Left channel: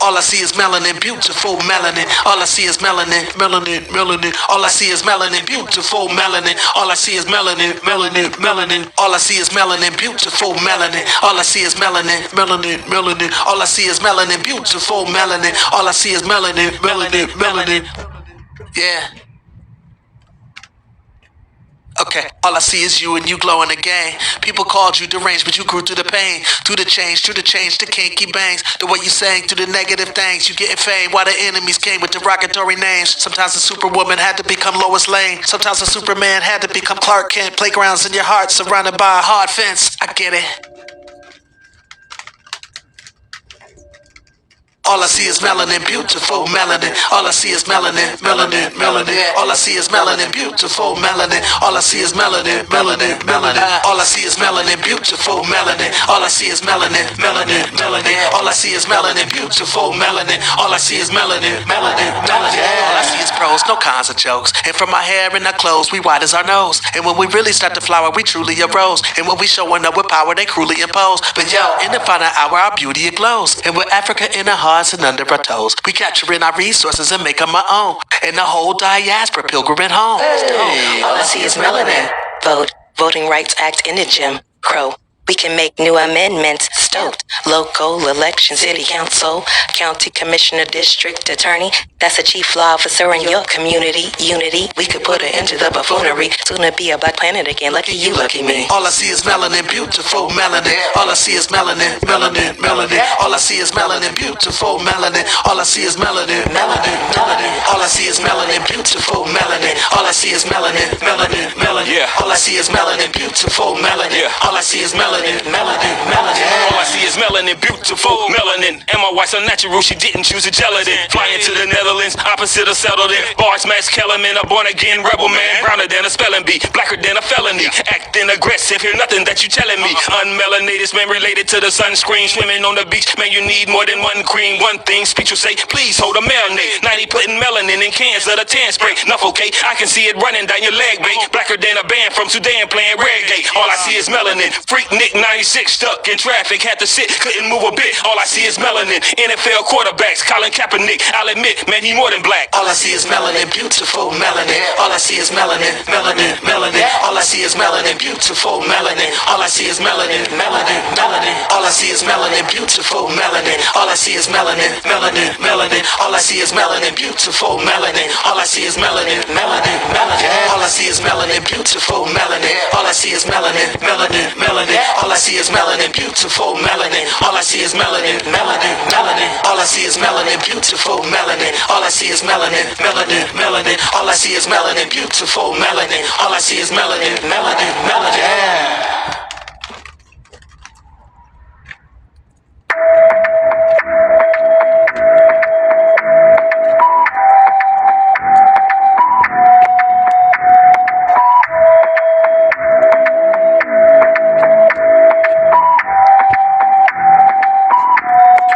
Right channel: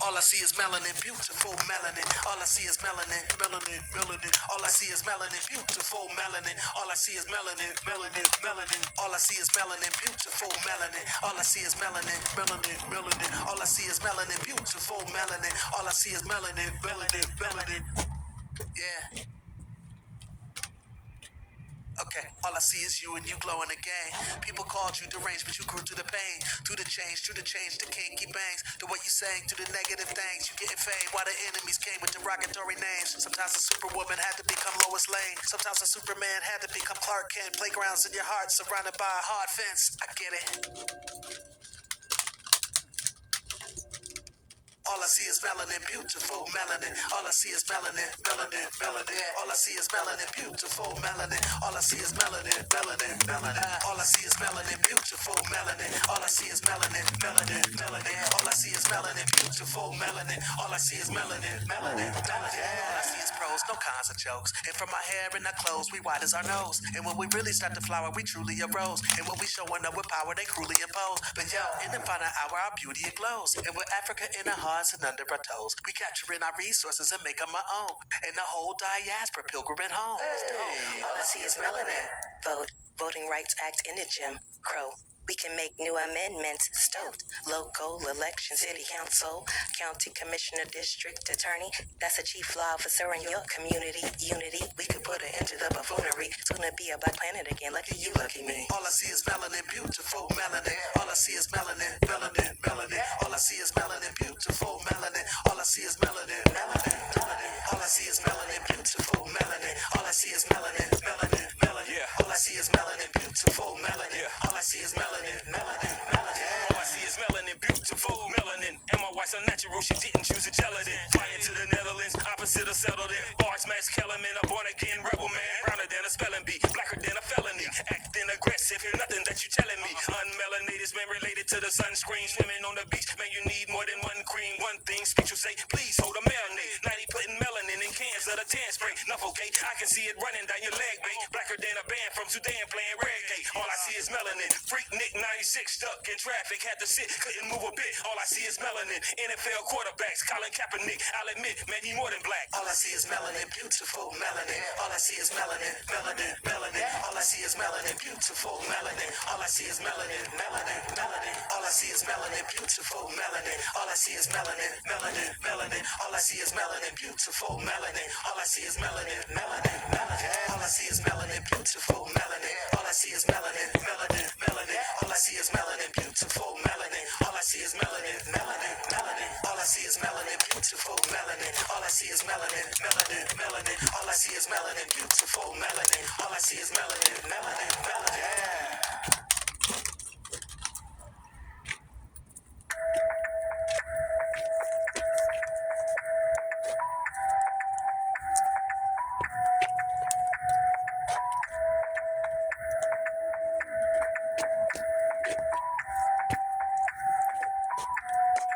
All I see is melanin, beautiful melanin. All I see is melanin, melanin, melanin. All I see is melanin, beautiful melanin. All I see is melanin, melanin, melanin. All I see is melanin, beautiful melanin. All I see is melanin, melanin, melanin. All I see is melanin, beautiful melanin. All I see is melanin, melanin, melanin. Yeah. Okay, all I see is you and you glowing again. People called you deranged, but you grew through the pain. Through the change, the kinky bangs. The way you sang through the negative things. You getting fame while the enemies came with derogatory names. Sometimes the superwoman had to become Lois Lane. Sometimes the Superman had to become Clark Kent. Playgrounds in your heart surrounded by a hard fence. I get it. All I see is melanin, beautiful melanin. All I see is melanin, melanin, melanin. All I see is melanin, beautiful melanin. All I see is melanin, melanin, melanin. All I see is melanin, beautiful melanin. All I see is melanin, melanin, melanin. All I see is melanin, beautiful melanin. All I see is melanin, melanin, melanin. All I see is pros, no cons or jokes. And from our hair and our clothes, we white as our nose. And when we really start to flower, we truly arose. And when we showing up with power, they cruelly impose. But yo, in the final hour, our beauty it glows. And with Africa in our hearts and under our toes, we capturing our resources and make them our own. And the whole diaspora pilgriming home. Hey. All I see is melanin. Vote. Voting Rights Act in the gym. Crow. We can make new amendments. Stoked. Local election, city council, county commissioner, district attorney. That's a chief law officer in your community. Unity. We could put an end to the buffoonery. Soon to be a black planet again. Lucky you, lucky me. All I see is melanin, beautiful melanin. All I see is melanin, melanin, melanin. All I see is melanin, beautiful melanin. All I see is melanin, melanin, melanin. All I see is melanin, beautiful melanin. All I see is melanin, melanin, melanin. Yeah. All I see is melanin, beautiful melanin. Yeah. All I see is melanin, melanin, melanin. All I see is melanin, beautiful melanin. And my wife's unnatural, she didn't choose a gelatin. Flying to the Netherlands, opposite of settled in. Bars, Max Kellerman, a born again rebel man. Browner than a spelling bee, blacker than a felony. Acting aggressive, hear nothing that you telling me. Unmelanated, man, related to the sunscreen. Swimming on the beach, man, you need more than one cream. One thing, speech will say, please hold a marinade. 90 putting melanin in cans of the tan spray. Enough, okay, I can see it running down your leg, babe. Blacker than a band from Sudan playing reggae. All I see is melanin. Freak Nick 96 stuck in traffic, had to sit, couldn't move a bit. All I see is melanin. NFL quarterbacks, Colin Kaepernick. I'll admit, man, he more than black. All I see is melanin, beautiful melanin. All I see is melanin, melanin, melanin. All I see is melanin, beautiful melanin. All I see is melanin, melanin, melanin. All I see is melanin, beautiful melanin. All I see is melanin, melanin, melanin. All I see is melanin, beautiful melanin. All I see is melanin, melanin, melanin. All I see is melanin, beautiful melanin. All I see is melanin, melanin, melanin. All I see is melanin, beautiful melanin. All I see is melanin, melanin, melanin. All I see is melanin, beautiful melanin. All I see is melanin, melanin, melanin. All I see is melanin, beautiful melanin. All I see is melanin, melanin, melanin. Yeah.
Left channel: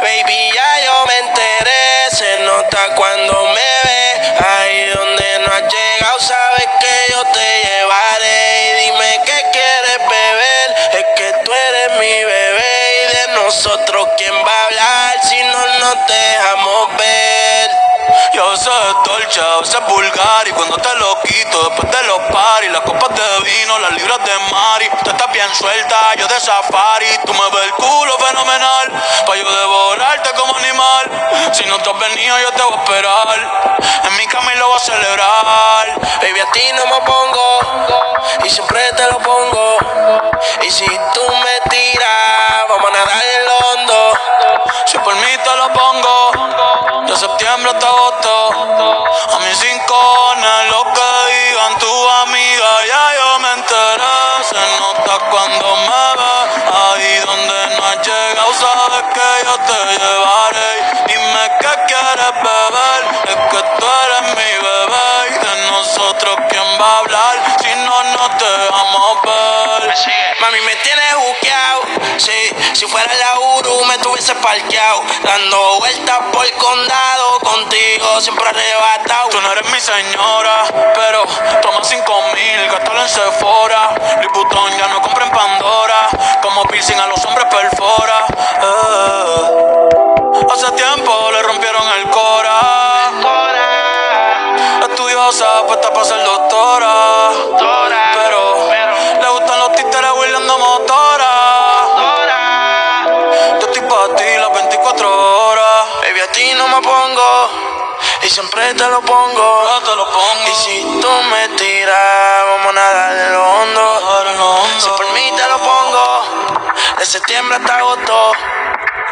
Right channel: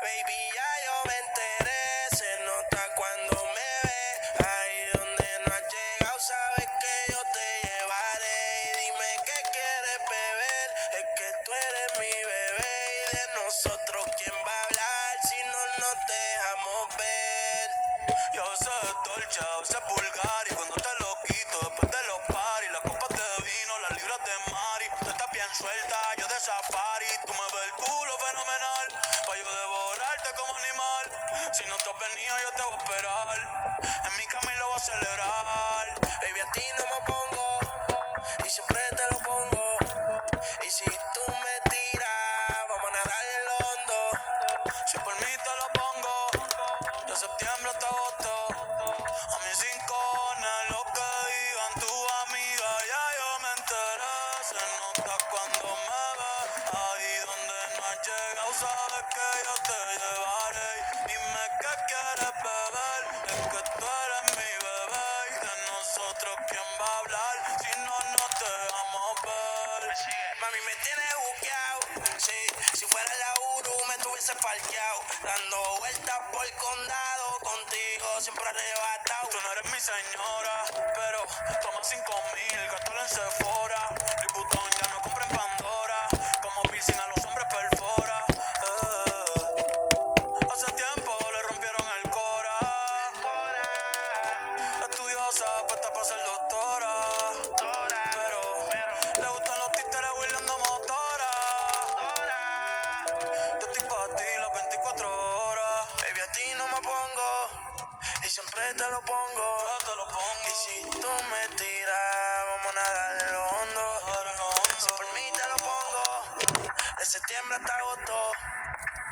Baby, ya yo me enteré, se nota cuando me ve. Ahí donde no has llegado, sabes que yo te llevaré. Y dime qué quieres beber, es que tú eres mi bebé. Y de nosotros, ¿quién va a hablar si no nos dejamos ver? Yo soy dolce, a veces vulgar. Y cuando te lo quito, después de los paris, las copas de vino, las libras de mari. Tú estás bien suelta, yo de safari. Tú me ves el culo fenomenal, pa' yo devorarte como animal. Si no te has venido, yo te voy a esperar. En mi cama y lo voy a celebrar. Baby, a ti no me pongo, y siempre te lo pongo. Y si tú me tiras, vamos a nadar en lo hondo. Si por mí te lo pongo, de septiembre hasta agosto. A mis 5 lo que digan tu amiga, ya yo me enteré. Se nota cuando me ves, ahí donde no has llegado, sabes que yo te llevaré. Dime qué quieres beber, es que tú eres mi bebé. Y de nosotros, ¿quién va a hablar si no nos dejamos ver? Mami, me tienes buqueado, sí. Si fuera la Uru me tuviese parqueado, dando vueltas por el condado, contigo siempre arrebatado. Tú no eres mi señora, pero toma 5,000, gástalo en Sephora. Liputón ya no compra en Pandora, como piercing a los hombres perfora. Hace tiempo le siempre te lo pongo. Y si tú me tiras, vamos a nadar en lo hondo. Si por mí te lo pongo, de septiembre hasta agosto.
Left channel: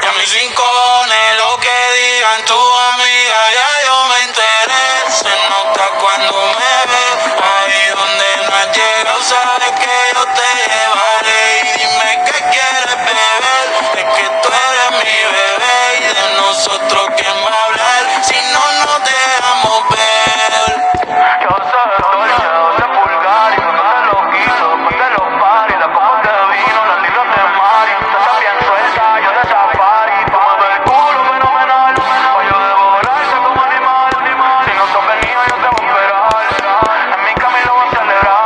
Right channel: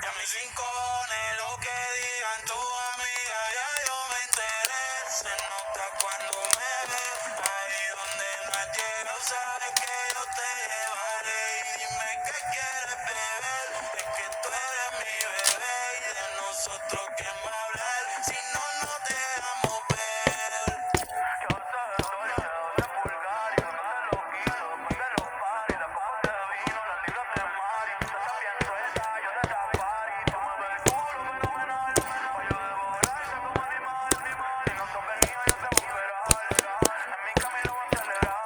Y a mis 5 cojones lo que digan tu amiga, ya yo me enteré. Se nota cuando me ves, ahí donde no has llegado, sabes que yo te llevaré. Y dime qué quieres beber, es que tú eres mi bebé. Y de nosotros quién va a hablar, si no nos dejamos ver. Yo soy dolce, de pulgar, y no te lo quito, después de los paris, las copas de vino, las libras de Mari. Tú estás bien suelta, yo de safari, tú mueves el culo fenomenal, o yo debo volarte como animal. Si no sos venido, yo te voy a esperar, en mi camino voy a celebrar.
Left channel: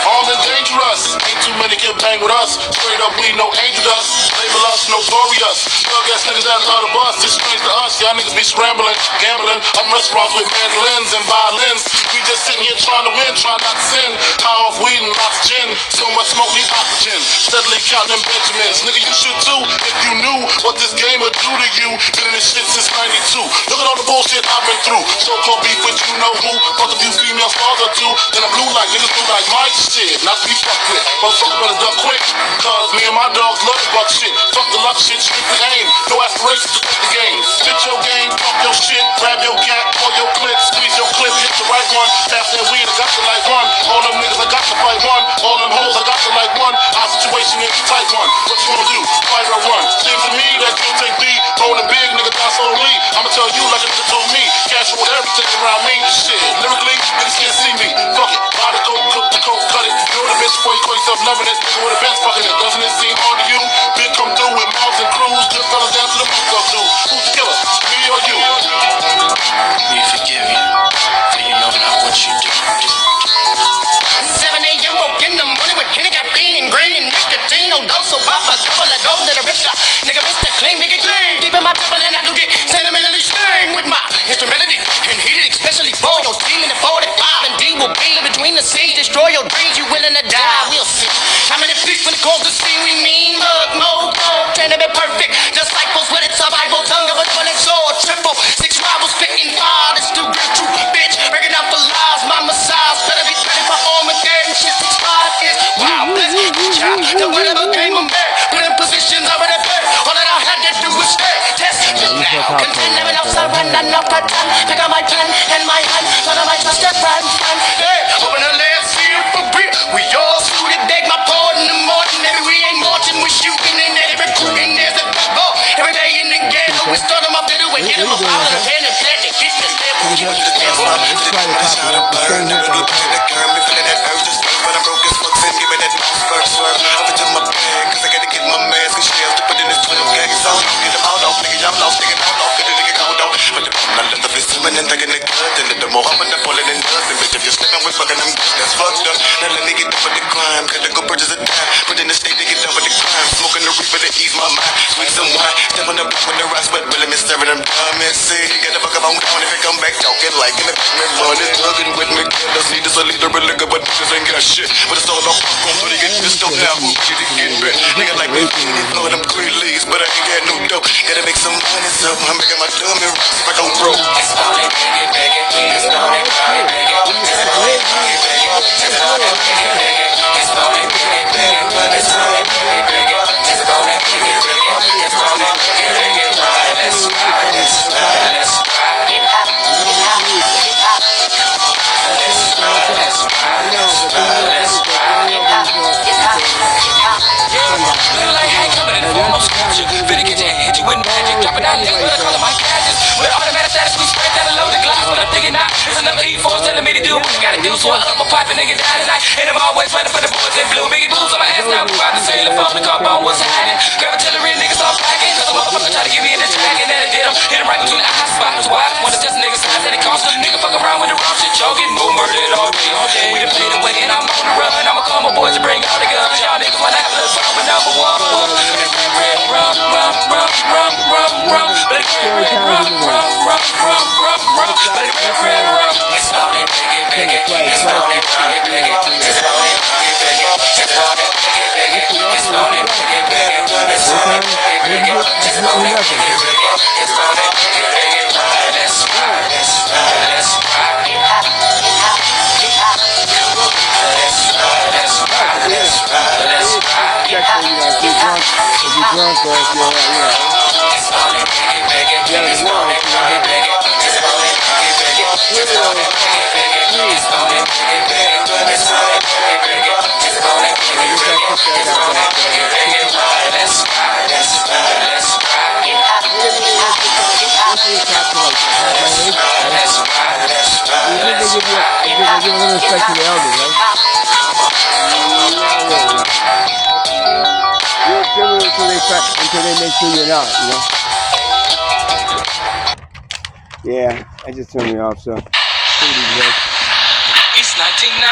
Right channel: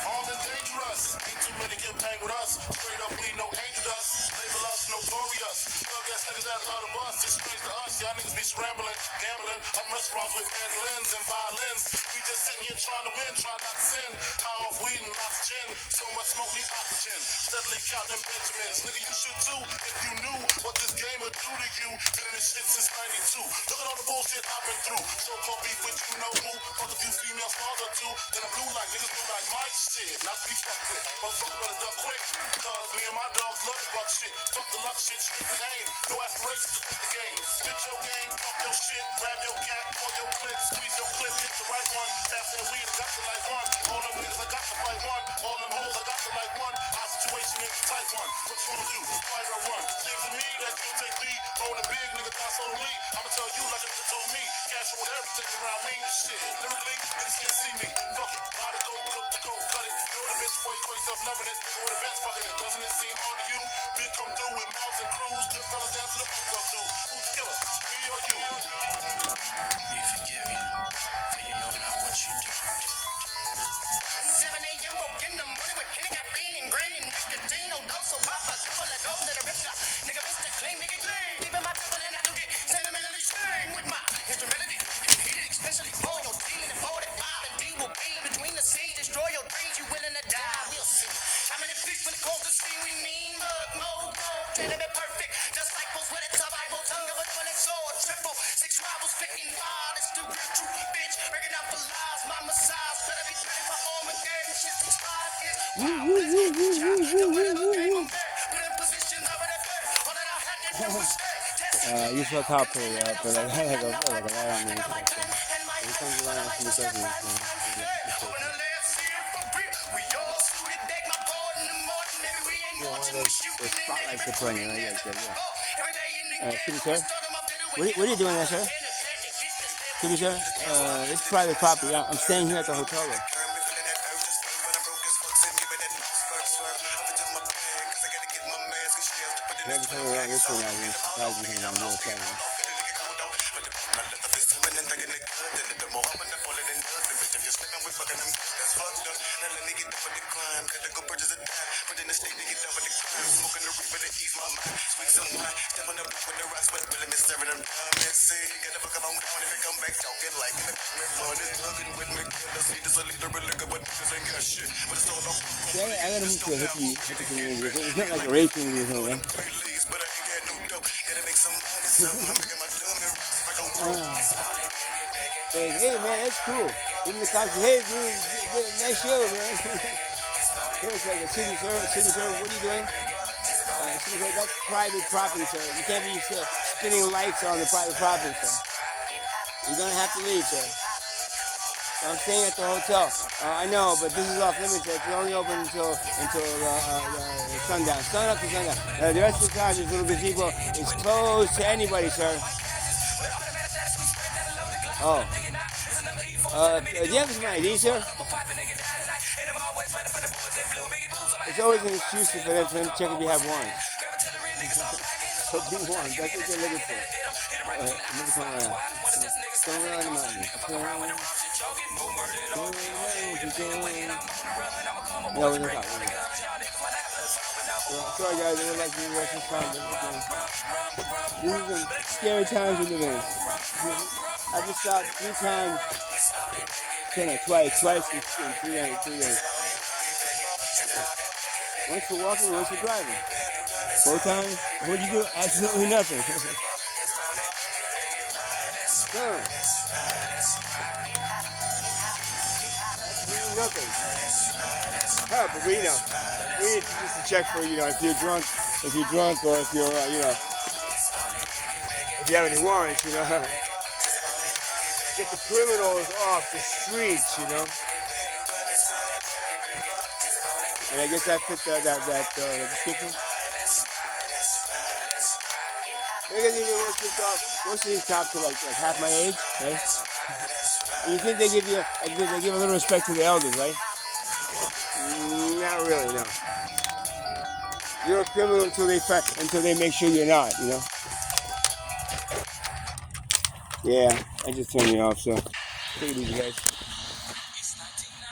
Armed and dangerous, ain't too many can bang with us. Straight up, we no angel dust. Label us notorious. Thug ass niggas that love the bus. It's strange to us, y'all niggas be scrambling, gambling. Up restaurants with mandolins and violins. We just sitting here trying to win, trying not to sin. High off weed and lots of gin. So much smoke, need oxygen. Steadily counting them Benjamins. Nigga, you should too, if you knew what this game would do to you. Been in this shit since 92. Look at all the bullshit I've been through. So-called beef with you know who. Fuck a few female stars or two. Then I'm blue like niggas blue like my shit. Not to be fucked with. Motherfucker better duck quick. Cause me and my dogs love the buck shit. Fuck the luck shit, strictly aim. No aspirations to take the game. Spit your game, fuck your shit. Grab your gat, pull your clip. Squeeze your clip, hit the right one. Pass that weed, I got to like one. All them niggas, I got to fight one. All them hoes, I got to like one. Our situation is a tight one. What you gonna do? Fight or run? Seems to me that you take the rolling big, nigga, that's on me. I'ma tell you like a nigga told me. Cash with everything around me. Shit, lyrically, niggas can't see me. Fuck it, buy the coke, cook the coke, cut it. Know the bitch before you call yourself loving it. Nigga with a bench fucking it. Doesn't it seem hard to you? Big come through with mobs and crews. Good fellas down to the boots up too. Who's the killer? Me or you? We forgive you, for you know not what you do. 7 a.m. woke in the morning with Kenny caffeine and green and nicotine. No dose, so pop a couple of gold to the rich shot. Nigga, Mr. Clean, nigga, clean. Deep in my temple and I do get sentimentally stern with my instrumentality. And heated, especially for your team in the 45. And D will be in between the scenes. Destroy your dreams, you willing to die. We'll see. How many feet when it calls to see we mean? Mug, mode, trying to be perfect. Disciples with it, survival, tongue of a double sword. Triple, 6 rivals, spitting fire. This the real true bitch. Breaking out for lies, my massage. Better be ready for Armageddon. Shit, 6 5 is wild. Bless child. The whatever came of man. Put in positions already played. All that I had to do was stay. Test it now. Contend never enough surrender, enough that time. Pick up my pen and my hand. Son of my trusted friend. Hey, open the last seal for real. We all suited, beg my pardon in the morning. Maybe we ain't marching, we shooting and they recruiting. There's a ball every day in the ghetto. We start them up to do and get them up out of the pen and plant and kiss the step. it's fucked up. Now let me get up with the climb. Gotta go purchase a dime. Put in the state to get up with the climb. Smoking the reefer to ease my mind. Sweet some wine. Step on the block with the rocks, but really miss serving them diamonds. See, get the fuck up on down if it come back talking like in the back. Me money thugging with me. Killers need us a leader, but look at what niggas ain't got shit. But it's all off. Going through the get this stuff now. Who get it get back? Nigga like me, know them green leaves, but I ain't got no dough. Gotta make some money, so I'm making my dumb and rocks if I go broke. It's on it, big it. It's on it, big it. It's on it, big it. It's on it, big it. It's on it, big it. It's on it, big it. It's on it, big it. It's on it, big it. Let's ride, let's ride, let's ride. Hip hop, hip hop, hip hop. Let's ride, let's ride, let's ride, let's ride. Hip hop, hip hop, hip hop. Feel like Hank coming in the form of scripture. Finna get you and hit you with magic. Dropping down licks with a call of my gadgets. With automatic status, we spread that along the glass. But I'm thinking now, it's another E4 telling me to do what I gotta do. So I up a pipe and nigga die tonight. And I'm always running for the boys in blue. Biggie booze on my ass now. We about to sail the phone. The car phone was hiding. Grab artillery, niggas start packing. Cause a motherfucker try to get me in the dragon. And I did him. Hit him right between the eye spots. Why? Wanna test a nigga's size and it costs. Nigga fuck around with the wrong shit. Joking. Move murdered all day, all day. We done played away and I'm on the run. I'ma call my boys to bring all the guns. Y'all niggas wanna have a little fun with number one. Rum, rum, rum, rum, rum, rum. But it's rum, rum, rum, rum, rum, rum, rum. But it's rum, rum. It's on it, big it. It's on it, big it. It's on it, big it. It's on it, big it. It's on it, big it. It's on it, big it. It's on it, big it. It's on it, big it. Let's ride, let's ride, let's ride. Hip hop, hip hop, hip hop. Let's ride, let's ride, let's ride, let's ride. Hip hop, hip hop, hip hop. It's on it, big it. It's on it, big it. It's on it, big it. It's on it, big it. It's on it, big it. It's on it, big it. It's on it, big it. It's on it, big it. Let's ride, let's ride, let's ride. Hip hop, hip hop, hip hop. Let's ride, let's ride, let's ride, let's ride. Hip hop, hip hop, hip hop. Until they make sure you're not, you know? Yeah, I just turned it off, so. It's 1990.